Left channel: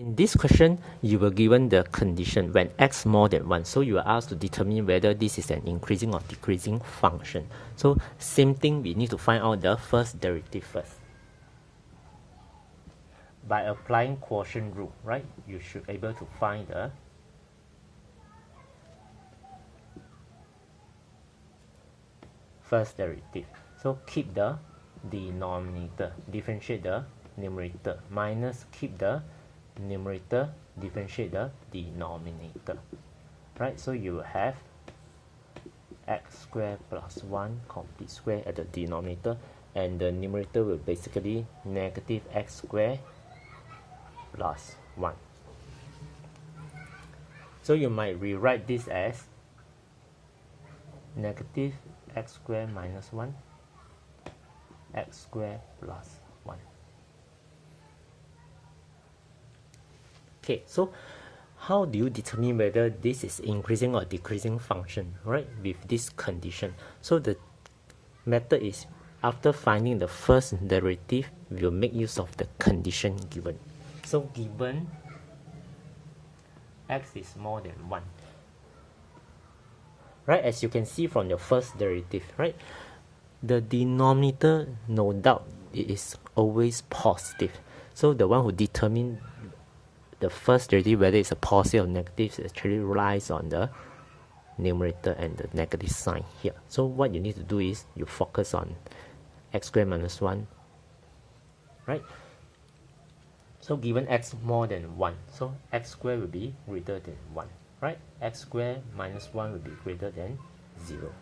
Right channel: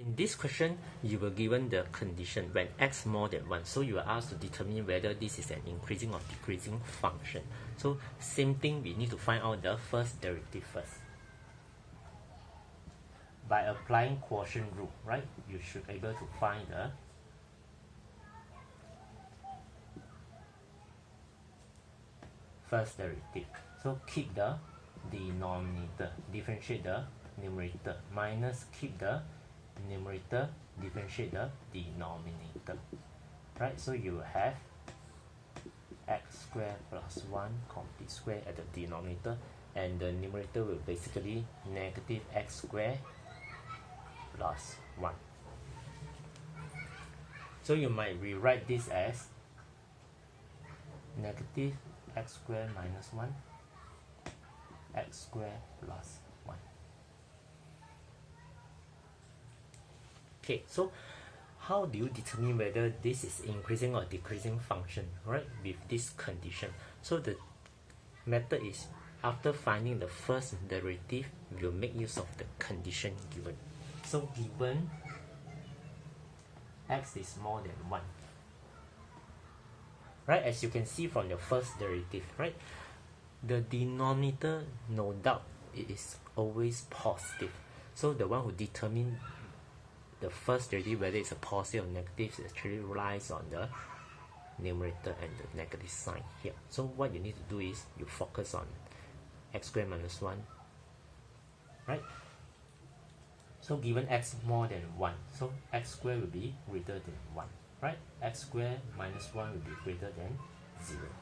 In this question, you were given the condition when x more than 1. So you are asked to determine whether this is an increasing or decreasing function. So same thing, we need to find out the first derivative first. By applying quotient rule, right? You should be able to find the first derivative. So keep the denominator, differentiate the numerator, minus keep the numerator, differentiate the denominator, right? So you have x squared plus 1 complete square at the denominator, and the numerator will basically negative x squared plus 1. So you might rewrite this as negative x squared minus 1 x squared plus 1. Okay, so how do you determine whether this is increasing or decreasing function, right, with this condition? So the method is, after finding the first derivative, we'll make use of the condition given. So given x is more than 1, right, as you can see from your first derivative, right, the denominator, no doubt, it is always positive. So the one who determines the first derivative, whether it's a positive or negative, actually relies on the numerator and the negative sign here. So what you need to do is you focus on x squared minus 1, right? So given x more than 1, so x squared will be greater than 1, right? X squared minus 1 will be greater than 0.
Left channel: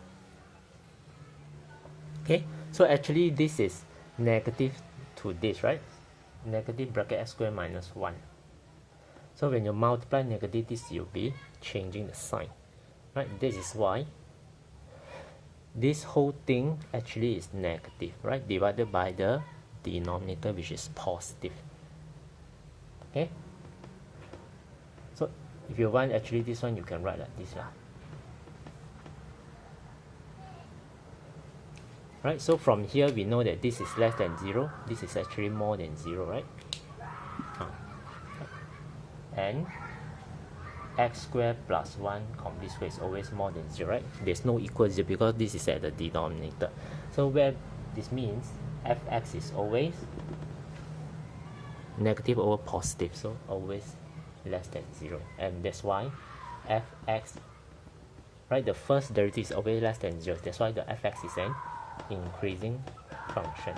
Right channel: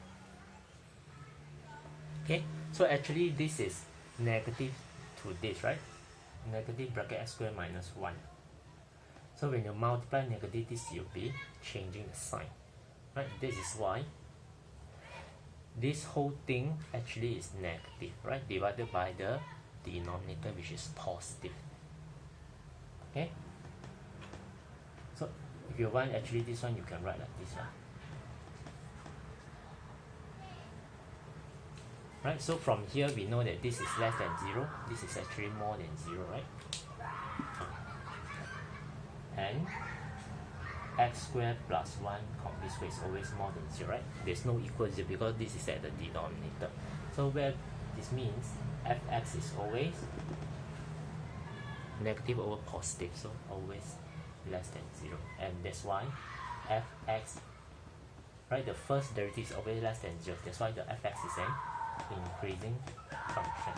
Okay, so actually this is negative to this, right? Negative bracket x squared minus 1. So when you multiply negative, this you'll be changing the sign, right? This is why this whole thing actually is negative, right? Divided by the denominator, which is positive. Okay? So if you want actually this one, you can write like this, right? So from here we know that this is less than 0, this is actually more than 0, right? And x squared plus 1 complete square is always more than 0, right? There's no equal 0 because this is at the denominator. So where this means fx is always negative over positive, so always less than 0. And that's why fx, right, the first derivative is always less than 0. That's why the fx is an increasing function.